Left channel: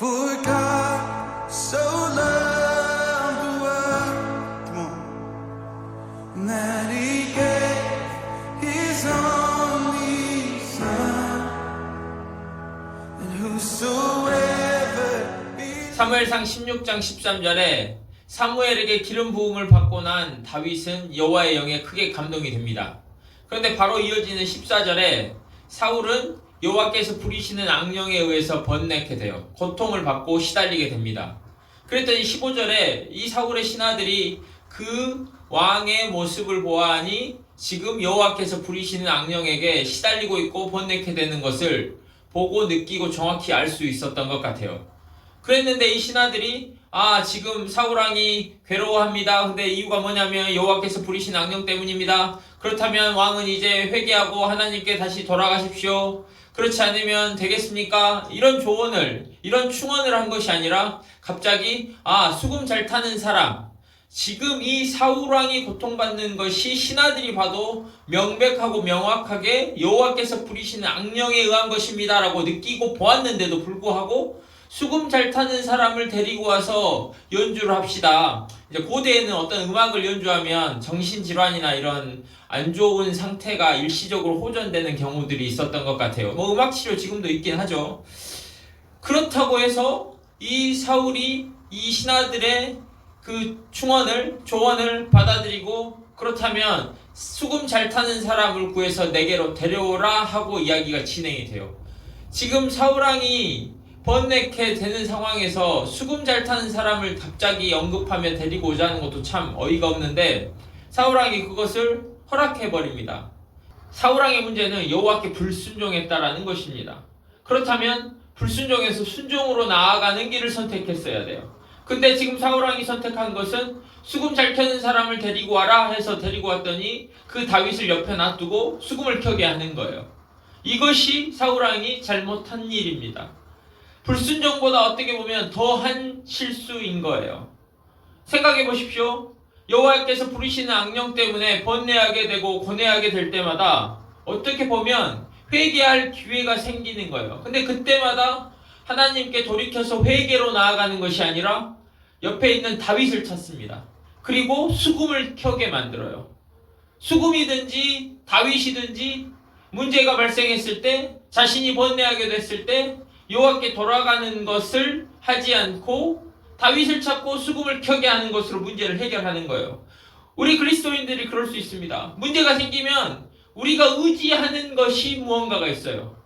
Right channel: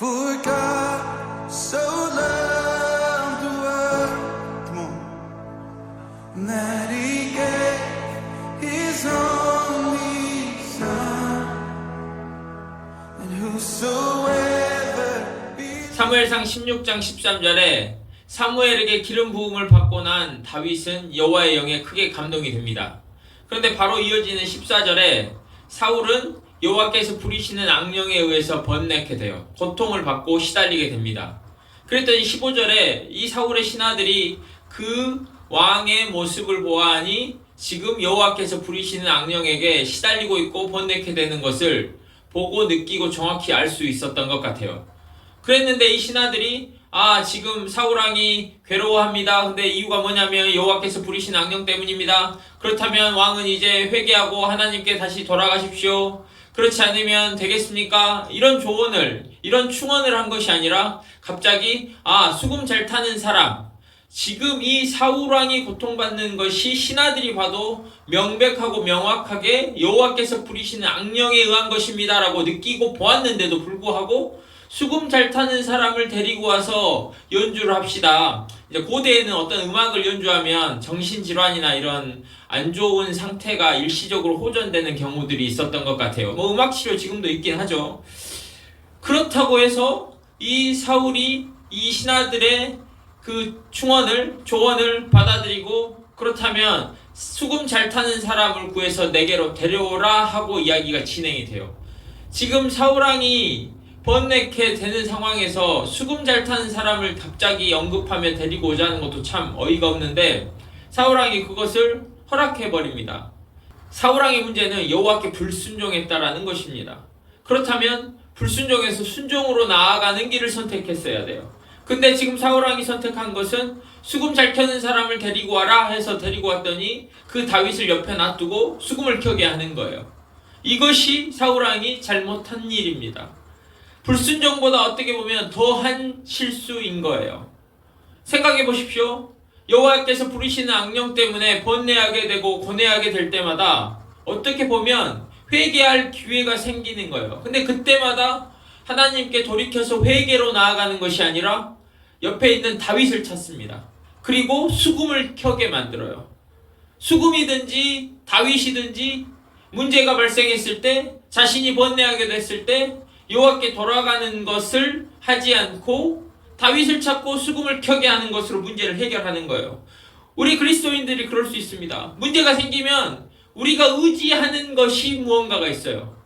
For God so loved the world, come on, that He gave His only Son, and whosoever 사무엘상 16장 13절에 사무엘에게 기름 부음을 받고 난 다윗은 여호와의 영에 크게 감동이 됩니다. 그런데 바로 이어지는 14절에 사울은 여호와께서 부리시는 악령에 의해서 번뇌케 되어 고통을 받고 시달리게 됩니다. 그랬더니 15절에 이 사울의 신하들이 그 왕의 모습을 보아하니 지금 여호와께서 부리시는 악령에게 시달리고 있고 번뇌케 되는 것을 보고 느끼고 정확히 알 수 있었던 것 같아요. 그랬는데 이 신하들이 지금 사울왕이 괴로워합니다. 근데 이유가 뭐냐면 여호와께서 부리신 악령 때문입니다. 그렇다면 왕은 이제 회개하고 하나님께 다시 돌아가십시오. 그렇지 않으면 되겠습니까? 이런 조언을, 이런 충언을 한 것이 아니라 갑자기 수금 잘 타는 사람, 지금 이 사울왕이 고통받는 것이 신하들이 봐도 명백하고 명확하게 여호와께서 부리시는 악령에 의한 것입니다 라고 느끼고 보았는데도 불구하고 수금 잘 타는 사람을 데리고 와서 연주를 합시다. 이제 고대에는 어떤 음악을 연주하면 정신질환이나 이런 안 좋은 상태가 일시적으로 호전되는 경우들이 있었던 것 같아요. 음악치료 지금도 있긴 하죠. 그렇다고 해서 이 사울이 이 신하들의 그 조언을 받아들이고 그렇다면 수금 잘 타는 사람을 구해서 내게로 데려오라 하고 이야기가 진행이 돼요. 지금 사울왕이 번뇌케 되는 상황에서 수금 잘 타는 사람을 갑자기 언급하며 데리고 오자는 것도 참 어이가 없는데 사울왕이 그것을 허락해버립니다. 사울왕의 문제는 여호와께 불순종했다라는 것입니다. 그렇다면 불순종에서 순종으로 나아가는 길을 선택했어야 돼요. 근데 지금 사울왕이 선택한 것은 수금 잘 켜는 사람을 데리고 와라 해서 데리고 왔더니 그 다윗을 옆에 놔두고 수금을 켜게 하는 거예요. 이것이 사울왕이 잘못한 일입니다. 불순종보다 어떻게 보면 더한 실수인 거예요. 생각해 보십시오. 여호와께서 부리시는 악령 때문에 번뇌하게 되고 고뇌하게 될 때마다 어떻게 보면 회개할 기회가 생기는 거예요. 근데 그때마다 하나님께 돌이켜서 회개로 나아가는 것이 아니라 옆에 있는 다윗을 찾습니다. 그리고 수금을 켜게 만들어요. 수금이든지 다윗이든지 문제가 발생했을 때 자신이 번뇌하게 됐을 때 여호와께 돌아가는 것을 하지 않고 다윗을 찾고 수금을 켜게 하는 것으로 문제를 해결하는 거예요. 우리 그리스도인들이 그럴 수 있습니다. 문제가 생기면 우리가 의지하는 것이 무언가가 있어요.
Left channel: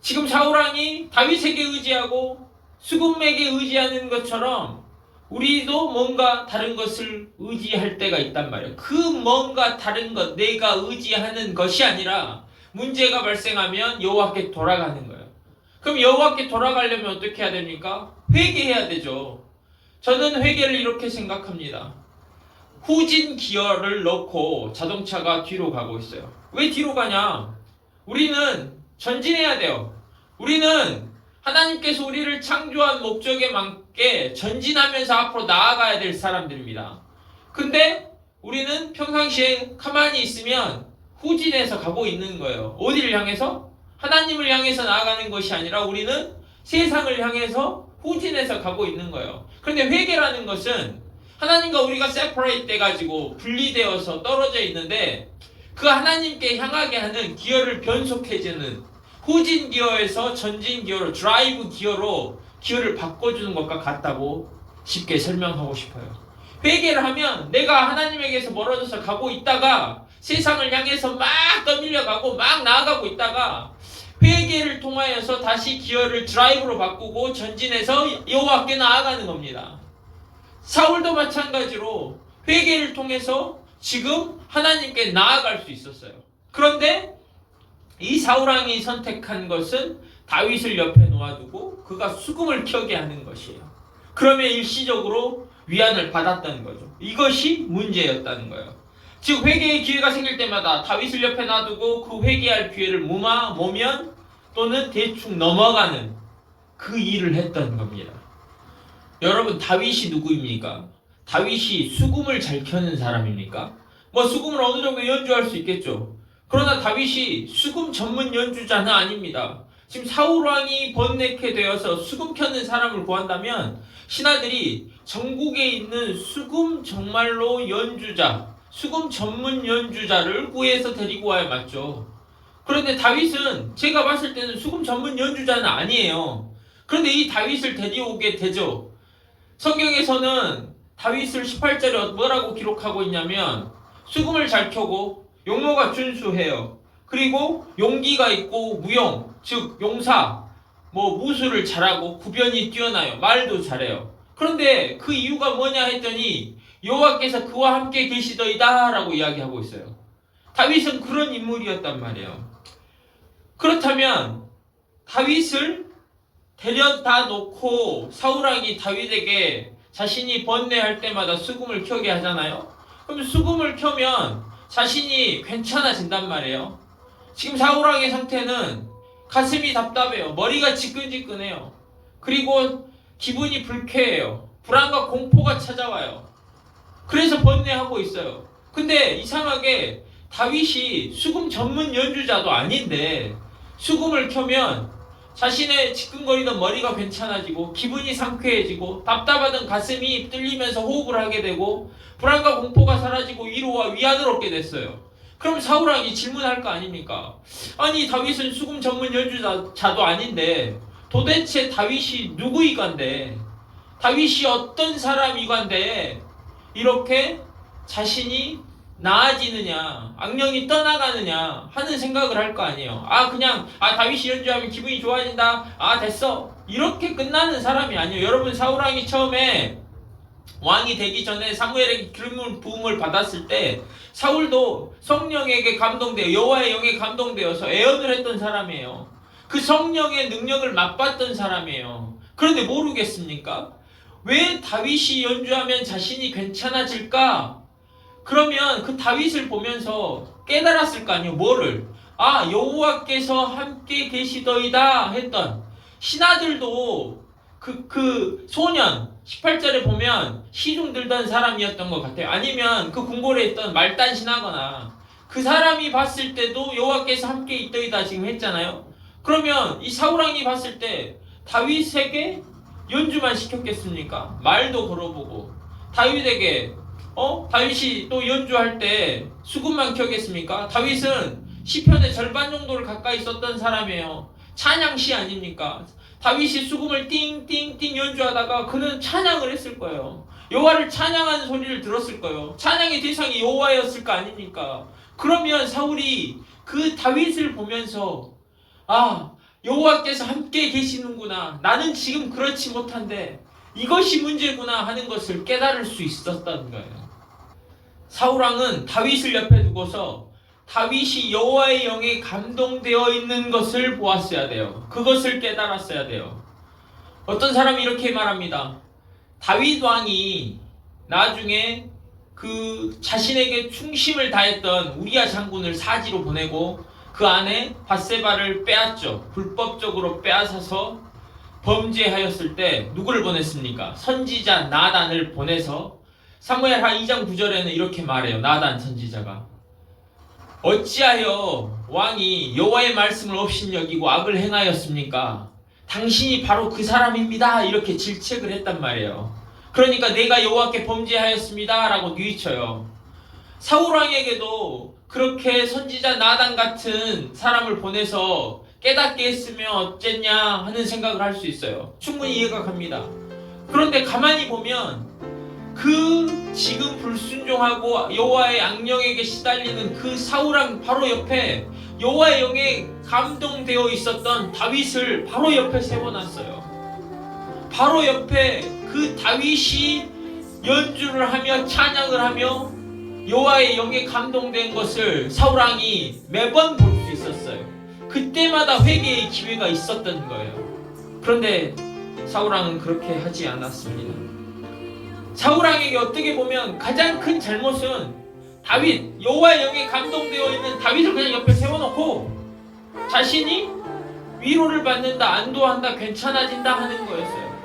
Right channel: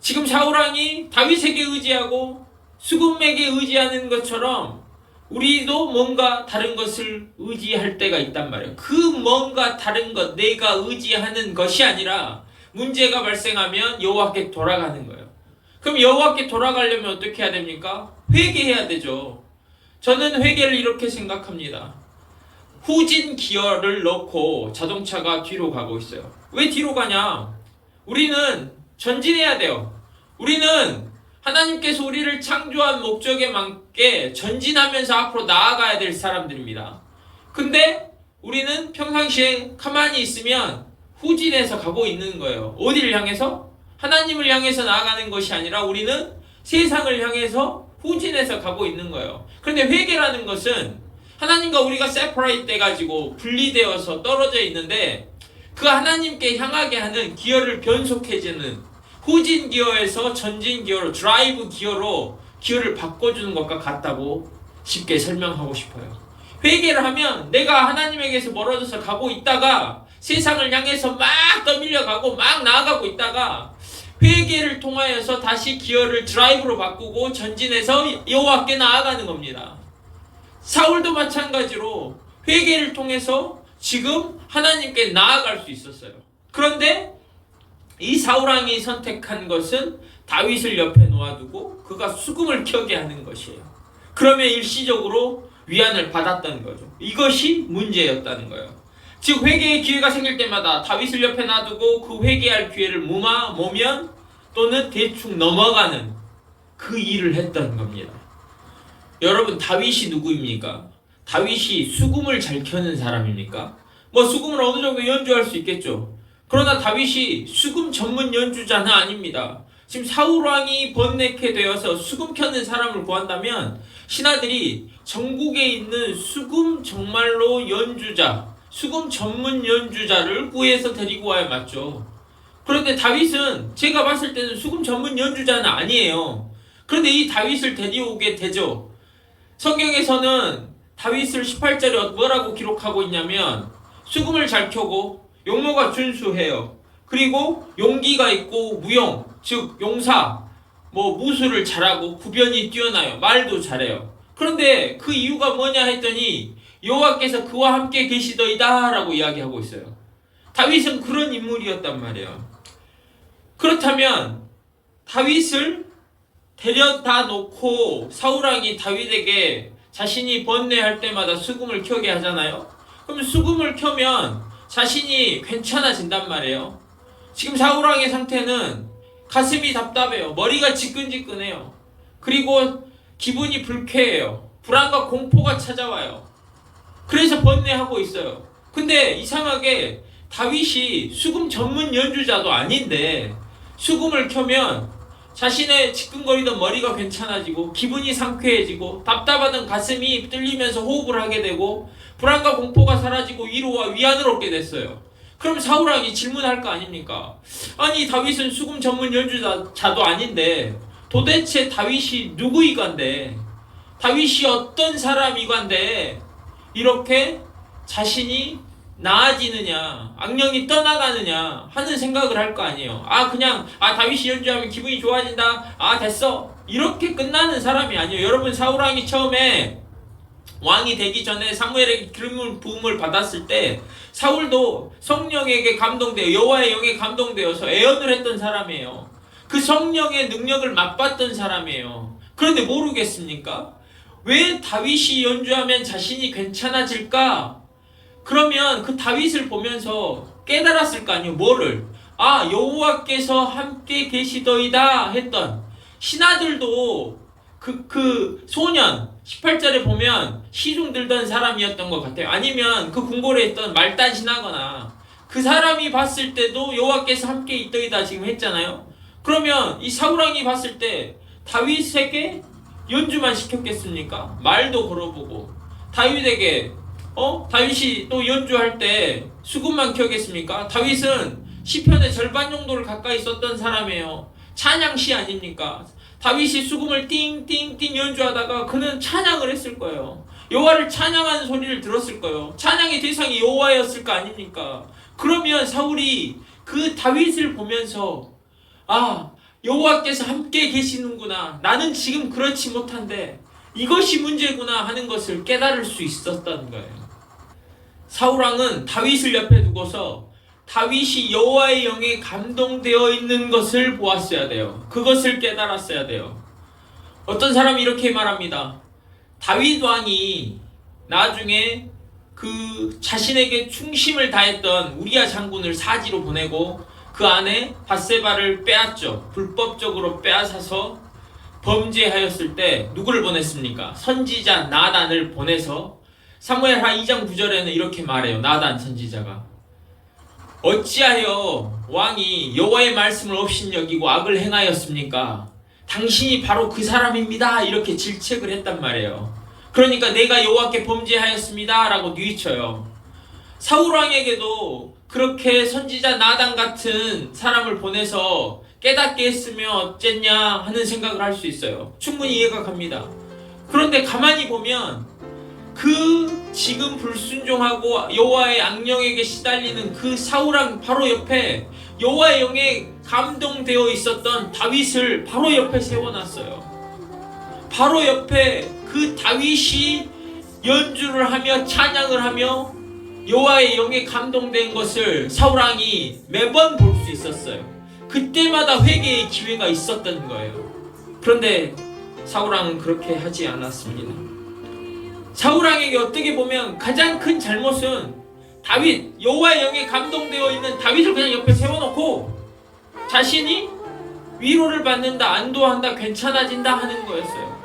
지금 사울왕이 다윗에게 의지하고 수금에게 의지하는 것처럼 우리도 뭔가 다른 것을 의지할 때가 있단 말이에요. 그 뭔가 다른 것, 내가 의지하는 것이 아니라 문제가 발생하면 여호와께 돌아가는 거예요. 그럼 여호와께 돌아가려면 어떻게 해야 됩니까? 회개해야 되죠. 저는 회개를 이렇게 생각합니다. 후진 기어를 넣고 자동차가 뒤로 가고 있어요. 왜 뒤로 가냐? 우리는 전진해야 돼요. 우리는 하나님께서 우리를 창조한 목적에 맞게 전진하면서 앞으로 나아가야 될 사람들입니다. 근데 우리는 평상시에 가만히 있으면 후진해서 가고 있는 거예요. 어디를 향해서? 하나님을 향해서 나아가는 것이 아니라 우리는 세상을 향해서 후진해서 가고 있는 거예요. 그런데 회개라는 것은 하나님과 우리가 세퍼레이트 돼가지고 분리되어서 떨어져 있는데 그 하나님께 향하게 하는 기어를 변속해주는 후진 기어에서 전진 기어로 드라이브 기어로 기어를 바꿔주는 것과 같다고 쉽게 설명하고 싶어요. 회개를 하면 내가 하나님에게서 멀어져서 가고 있다가 세상을 향해서 막 떠밀려가고 막 나아가고 있다가 회개를 통하여서 다시 기어를 드라이브로 바꾸고 전진해서 여호와께 나아가는 겁니다. 사울도 마찬가지로 회개를 통해서 지금 하나님께 나아갈 수 있었어요. 그런데 이 사울왕이 선택한 것은 다윗을 옆에 놓아두고 그가 수금을 켜게 하는 것이에요. 그러면 일시적으로 위안을 받았다는 거죠. 이것이 문제였다는 거예요. 즉 회개의 기회가 생길 때마다 다윗을 옆에 놔두고 그 회개할 기회를 모면 또는 대충 넘어가는 그 일을 했던 겁니다. 여러분, 다윗이 누구입니까? 다윗이 수금을 잘 켜는 사람입니까? 수금을 어느 정도 연주할 수 있겠죠. 그러나 다윗이 수금 전문 연주자는 아닙니다. 지금 사울왕이 번뇌케 되어서 수금 켜는 사람을 구한다면 신하들이 전국에 있는 수금 정말로 연주자, 수금 전문 연주자를 구해서 데리고 와야 맞죠. 그런데 다윗은 제가 봤을 때는 수금 전문 연주자는 아니에요. 그런데 이 다윗을 데려오게 되죠. 성경에서는 다윗을 18절에 뭐라고 기록하고 있냐면 수금을 잘 켜고 용모가 준수해요. 그리고 용기가 있고 무용, 즉 용사, 무술을 잘하고 구변이 뛰어나요. 말도 잘해요. 그런데 그 이유가 뭐냐 했더니 여호와께서 그와 함께 계시더이다 라고 이야기하고 있어요. 다윗은 그런 인물이었단 말이에요. 그렇다면 다윗을 데려다 놓고 사울왕이 다윗에게 자신이 번뇌할 때마다 수금을 켜게 하잖아요. 그럼 수금을 켜면 자신이 괜찮아진단 말이에요. 지금 사울왕의 상태는 가슴이 답답해요. 머리가 지끈지끈해요. 그리고 기분이 불쾌해요. 불안과 공포가 찾아와요. 그래서 번뇌하고 있어요. 근데 이상하게 다윗이 수금 전문 연주자도 아닌데 수금을 켜면 자신의 지끈거리던 머리가 괜찮아지고 기분이 상쾌해지고 답답하던 가슴이 뚫리면서 호흡을 하게 되고 불안과 공포가 사라지고 위로와 위안을 얻게 됐어요. 그럼 사울왕이 질문할 거 아닙니까? 아니 다윗은 수금 전문 연주자도 아닌데 도대체 다윗이 누구이간데 다윗이 어떤 사람이간데 이렇게 자신이 나아지느냐 악령이 떠나가느냐 하는 생각을 할 거 아니에요. 그냥 다윗이 연주하면 기분이 좋아진다, 됐어, 이렇게 끝나는 사람이 아니에요. 여러분, 사울왕이 처음에 왕이 되기 전에 사무엘에게 기름 부음을 받았을 때 사울도 성령에게 감동되어 여호와의 영에 감동되어서 애언을 했던 사람이에요. 그 성령의 능력을 맛봤던 사람이에요. 그런데 모르겠습니까? 왜 다윗이 연주하면 자신이 괜찮아질까? 그러면 그 다윗을 보면서 깨달았을 거 아니에요. 뭐를? 여호와께서 함께 계시더이다 했던 신하들도 그 소년 18절에 보면 시중 들던 사람이었던 것 같아요. 아니면 그 궁궐에 있던 말단 신하거나 그 사람이 봤을 때도 여호와께서 함께 있더이다 지금 했잖아요. 그러면 이 사울왕이 봤을 때 다윗에게 연주만 시켰겠습니까? 말도 걸어보고 다윗에게 다윗이 또 연주할 때 수금만 켜겠습니까? 다윗은 시편의 절반 정도를 가까이 썼던 사람이에요. 찬양시 아닙니까? 다윗이 수금을 띵띵띵 연주하다가 그는 찬양을 했을 거예요. 여호와를 찬양하는 소리를 들었을 거예요. 찬양의 대상이 여호와였을 거 아닙니까? 그러면 사울이 그 다윗을 보면서 여호와께서 함께 계시는구나, 나는 지금 그렇지 못한데 이것이 문제구나 하는 것을 깨달을 수 있었다는 거예요. 사울왕은 다윗을 옆에 두고서 다윗이 여호와의 영에 감동되어 있는 것을 보았어야 돼요. 그것을 깨달았어야 돼요. 어떤 사람이 이렇게 말합니다. 다윗 왕이 나중에 그 자신에게 충심을 다했던 우리야 장군을 사지로 보내고 그 안에 밧세바를 빼앗죠. 불법적으로 빼앗아서 범죄하였을 때 누구를 보냈습니까? 선지자 나단을 보내서 사무엘하 2장 9절에는 이렇게 말해요. 나단 선지자가 어찌하여 왕이 여호와의 말씀을 업신여기고 악을 행하였습니까? 당신이 바로 그 사람입니다. 이렇게 질책을 했단 말이에요. 그러니까 내가 여호와께 범죄하였습니다 라고 뉘우쳐요. 사울왕에게도 그렇게 선지자 나단 같은 사람을 보내서 깨닫게 했으면 어쨌냐 하는 생각을 할 수 있어요. 충분히 이해가 갑니다. 그런데 가만히 보면 그 지금 불순종하고 여호와의 악령에게 시달리는 그 사울왕 바로 옆에 여호와의 영에 감동되어 있었던 다윗을 바로 옆에 세워놨어요. 바로 옆에 그 다윗이 연주를 하며 찬양을 하며 여호와의 영에 감동된 것을 사울왕이 매번 볼 수 있었어요. 그때마다 회개의 기회가 있었던 거예요. 그런데 사울왕은 그렇게 하지 않았습니다. 사울왕에게 어떻게 보면 가장 큰 잘못은 다윗, 여호와의 영에 감동되어 있는 다윗을 그냥 옆에 세워놓고 자신이 위로를 받는다, 안도한다, 괜찮아진다 하는 거였어요.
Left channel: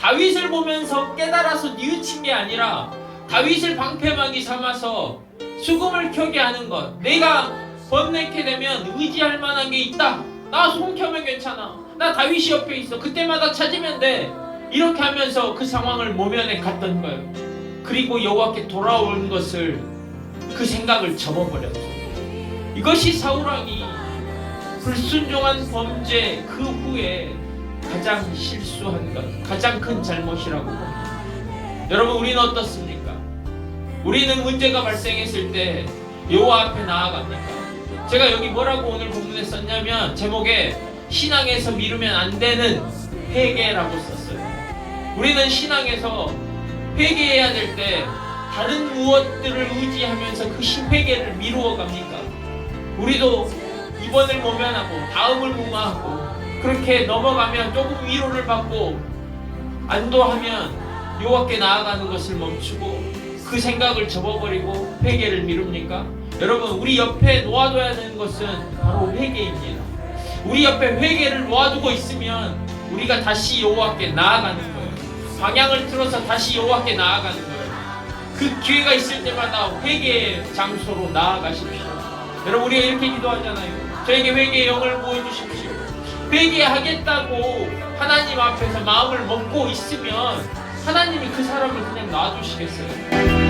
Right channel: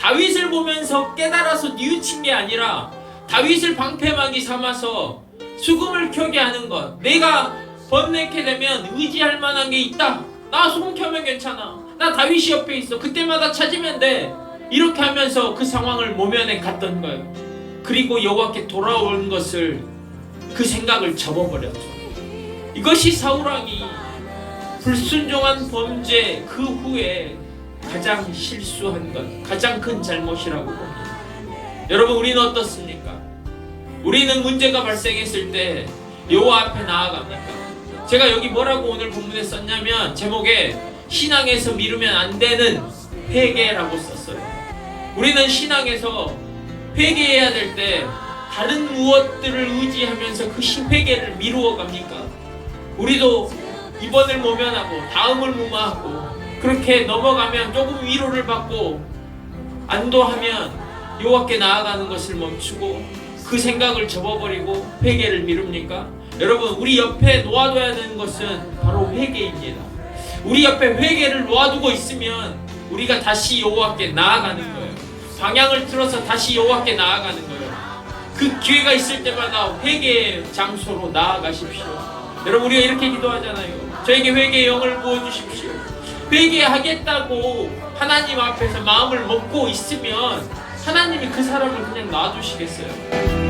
다윗을 보면서 깨달아서 뉘우친 게 아니라 다윗을 방패막이 삼아서 수금을 켜게 하는 것. 내가 번뇌케 되면 의지할 만한 게 있다. 나 수금 켜면 괜찮아. 나 다윗이 옆에 있어. 그때마다 찾으면 돼. 이렇게 하면서 그 상황을 모면에 갔던 거예요. 그리고 여호와께 돌아온 것을 그 생각을 접어버렸죠. 이것이 사울왕이 불순종한 범죄 그 후에 가장 실수한 것, 가장 큰 잘못이라고 봅니다. 여러분, 우리는 어떻습니까? 우리는 문제가 발생했을 때 여호와 앞에 나아갑니다. 제가 여기 뭐라고 오늘 본문에 썼냐면 제목에 신앙에서 미루면 안 되는 회개라고 썼어요. 우리는 신앙에서 회개해야 될 때 다른 무엇들을 의지하면서 그 회개를 미루어 갑니까? 우리도 이번을 모면하고 다음을 무마하고 그렇게 넘어가면 조금 위로를 받고 안도하면 여호와께 나아가는 것을 멈추고 그 생각을 접어버리고 회개를 미룹니까? 여러분, 우리 옆에 놓아둬야 되는 것은 바로 회개입니다. 우리 옆에 회개를 놓아두고 있으면 우리가 다시 여호와께 나아가는 거예요. 방향을 틀어서 다시 여호와께 나아가는 거예요. 그 기회가 있을 때마다 회개의 장소로 나아가십시오. 여러분, 우리가 이렇게 기도하잖아요. 저에게 회개의 영을 부어주십시오. 회개하겠다고 하나님 앞에서 마음을 먹고 있으면 하나님이 그 사람을 그냥 놔두시겠어요?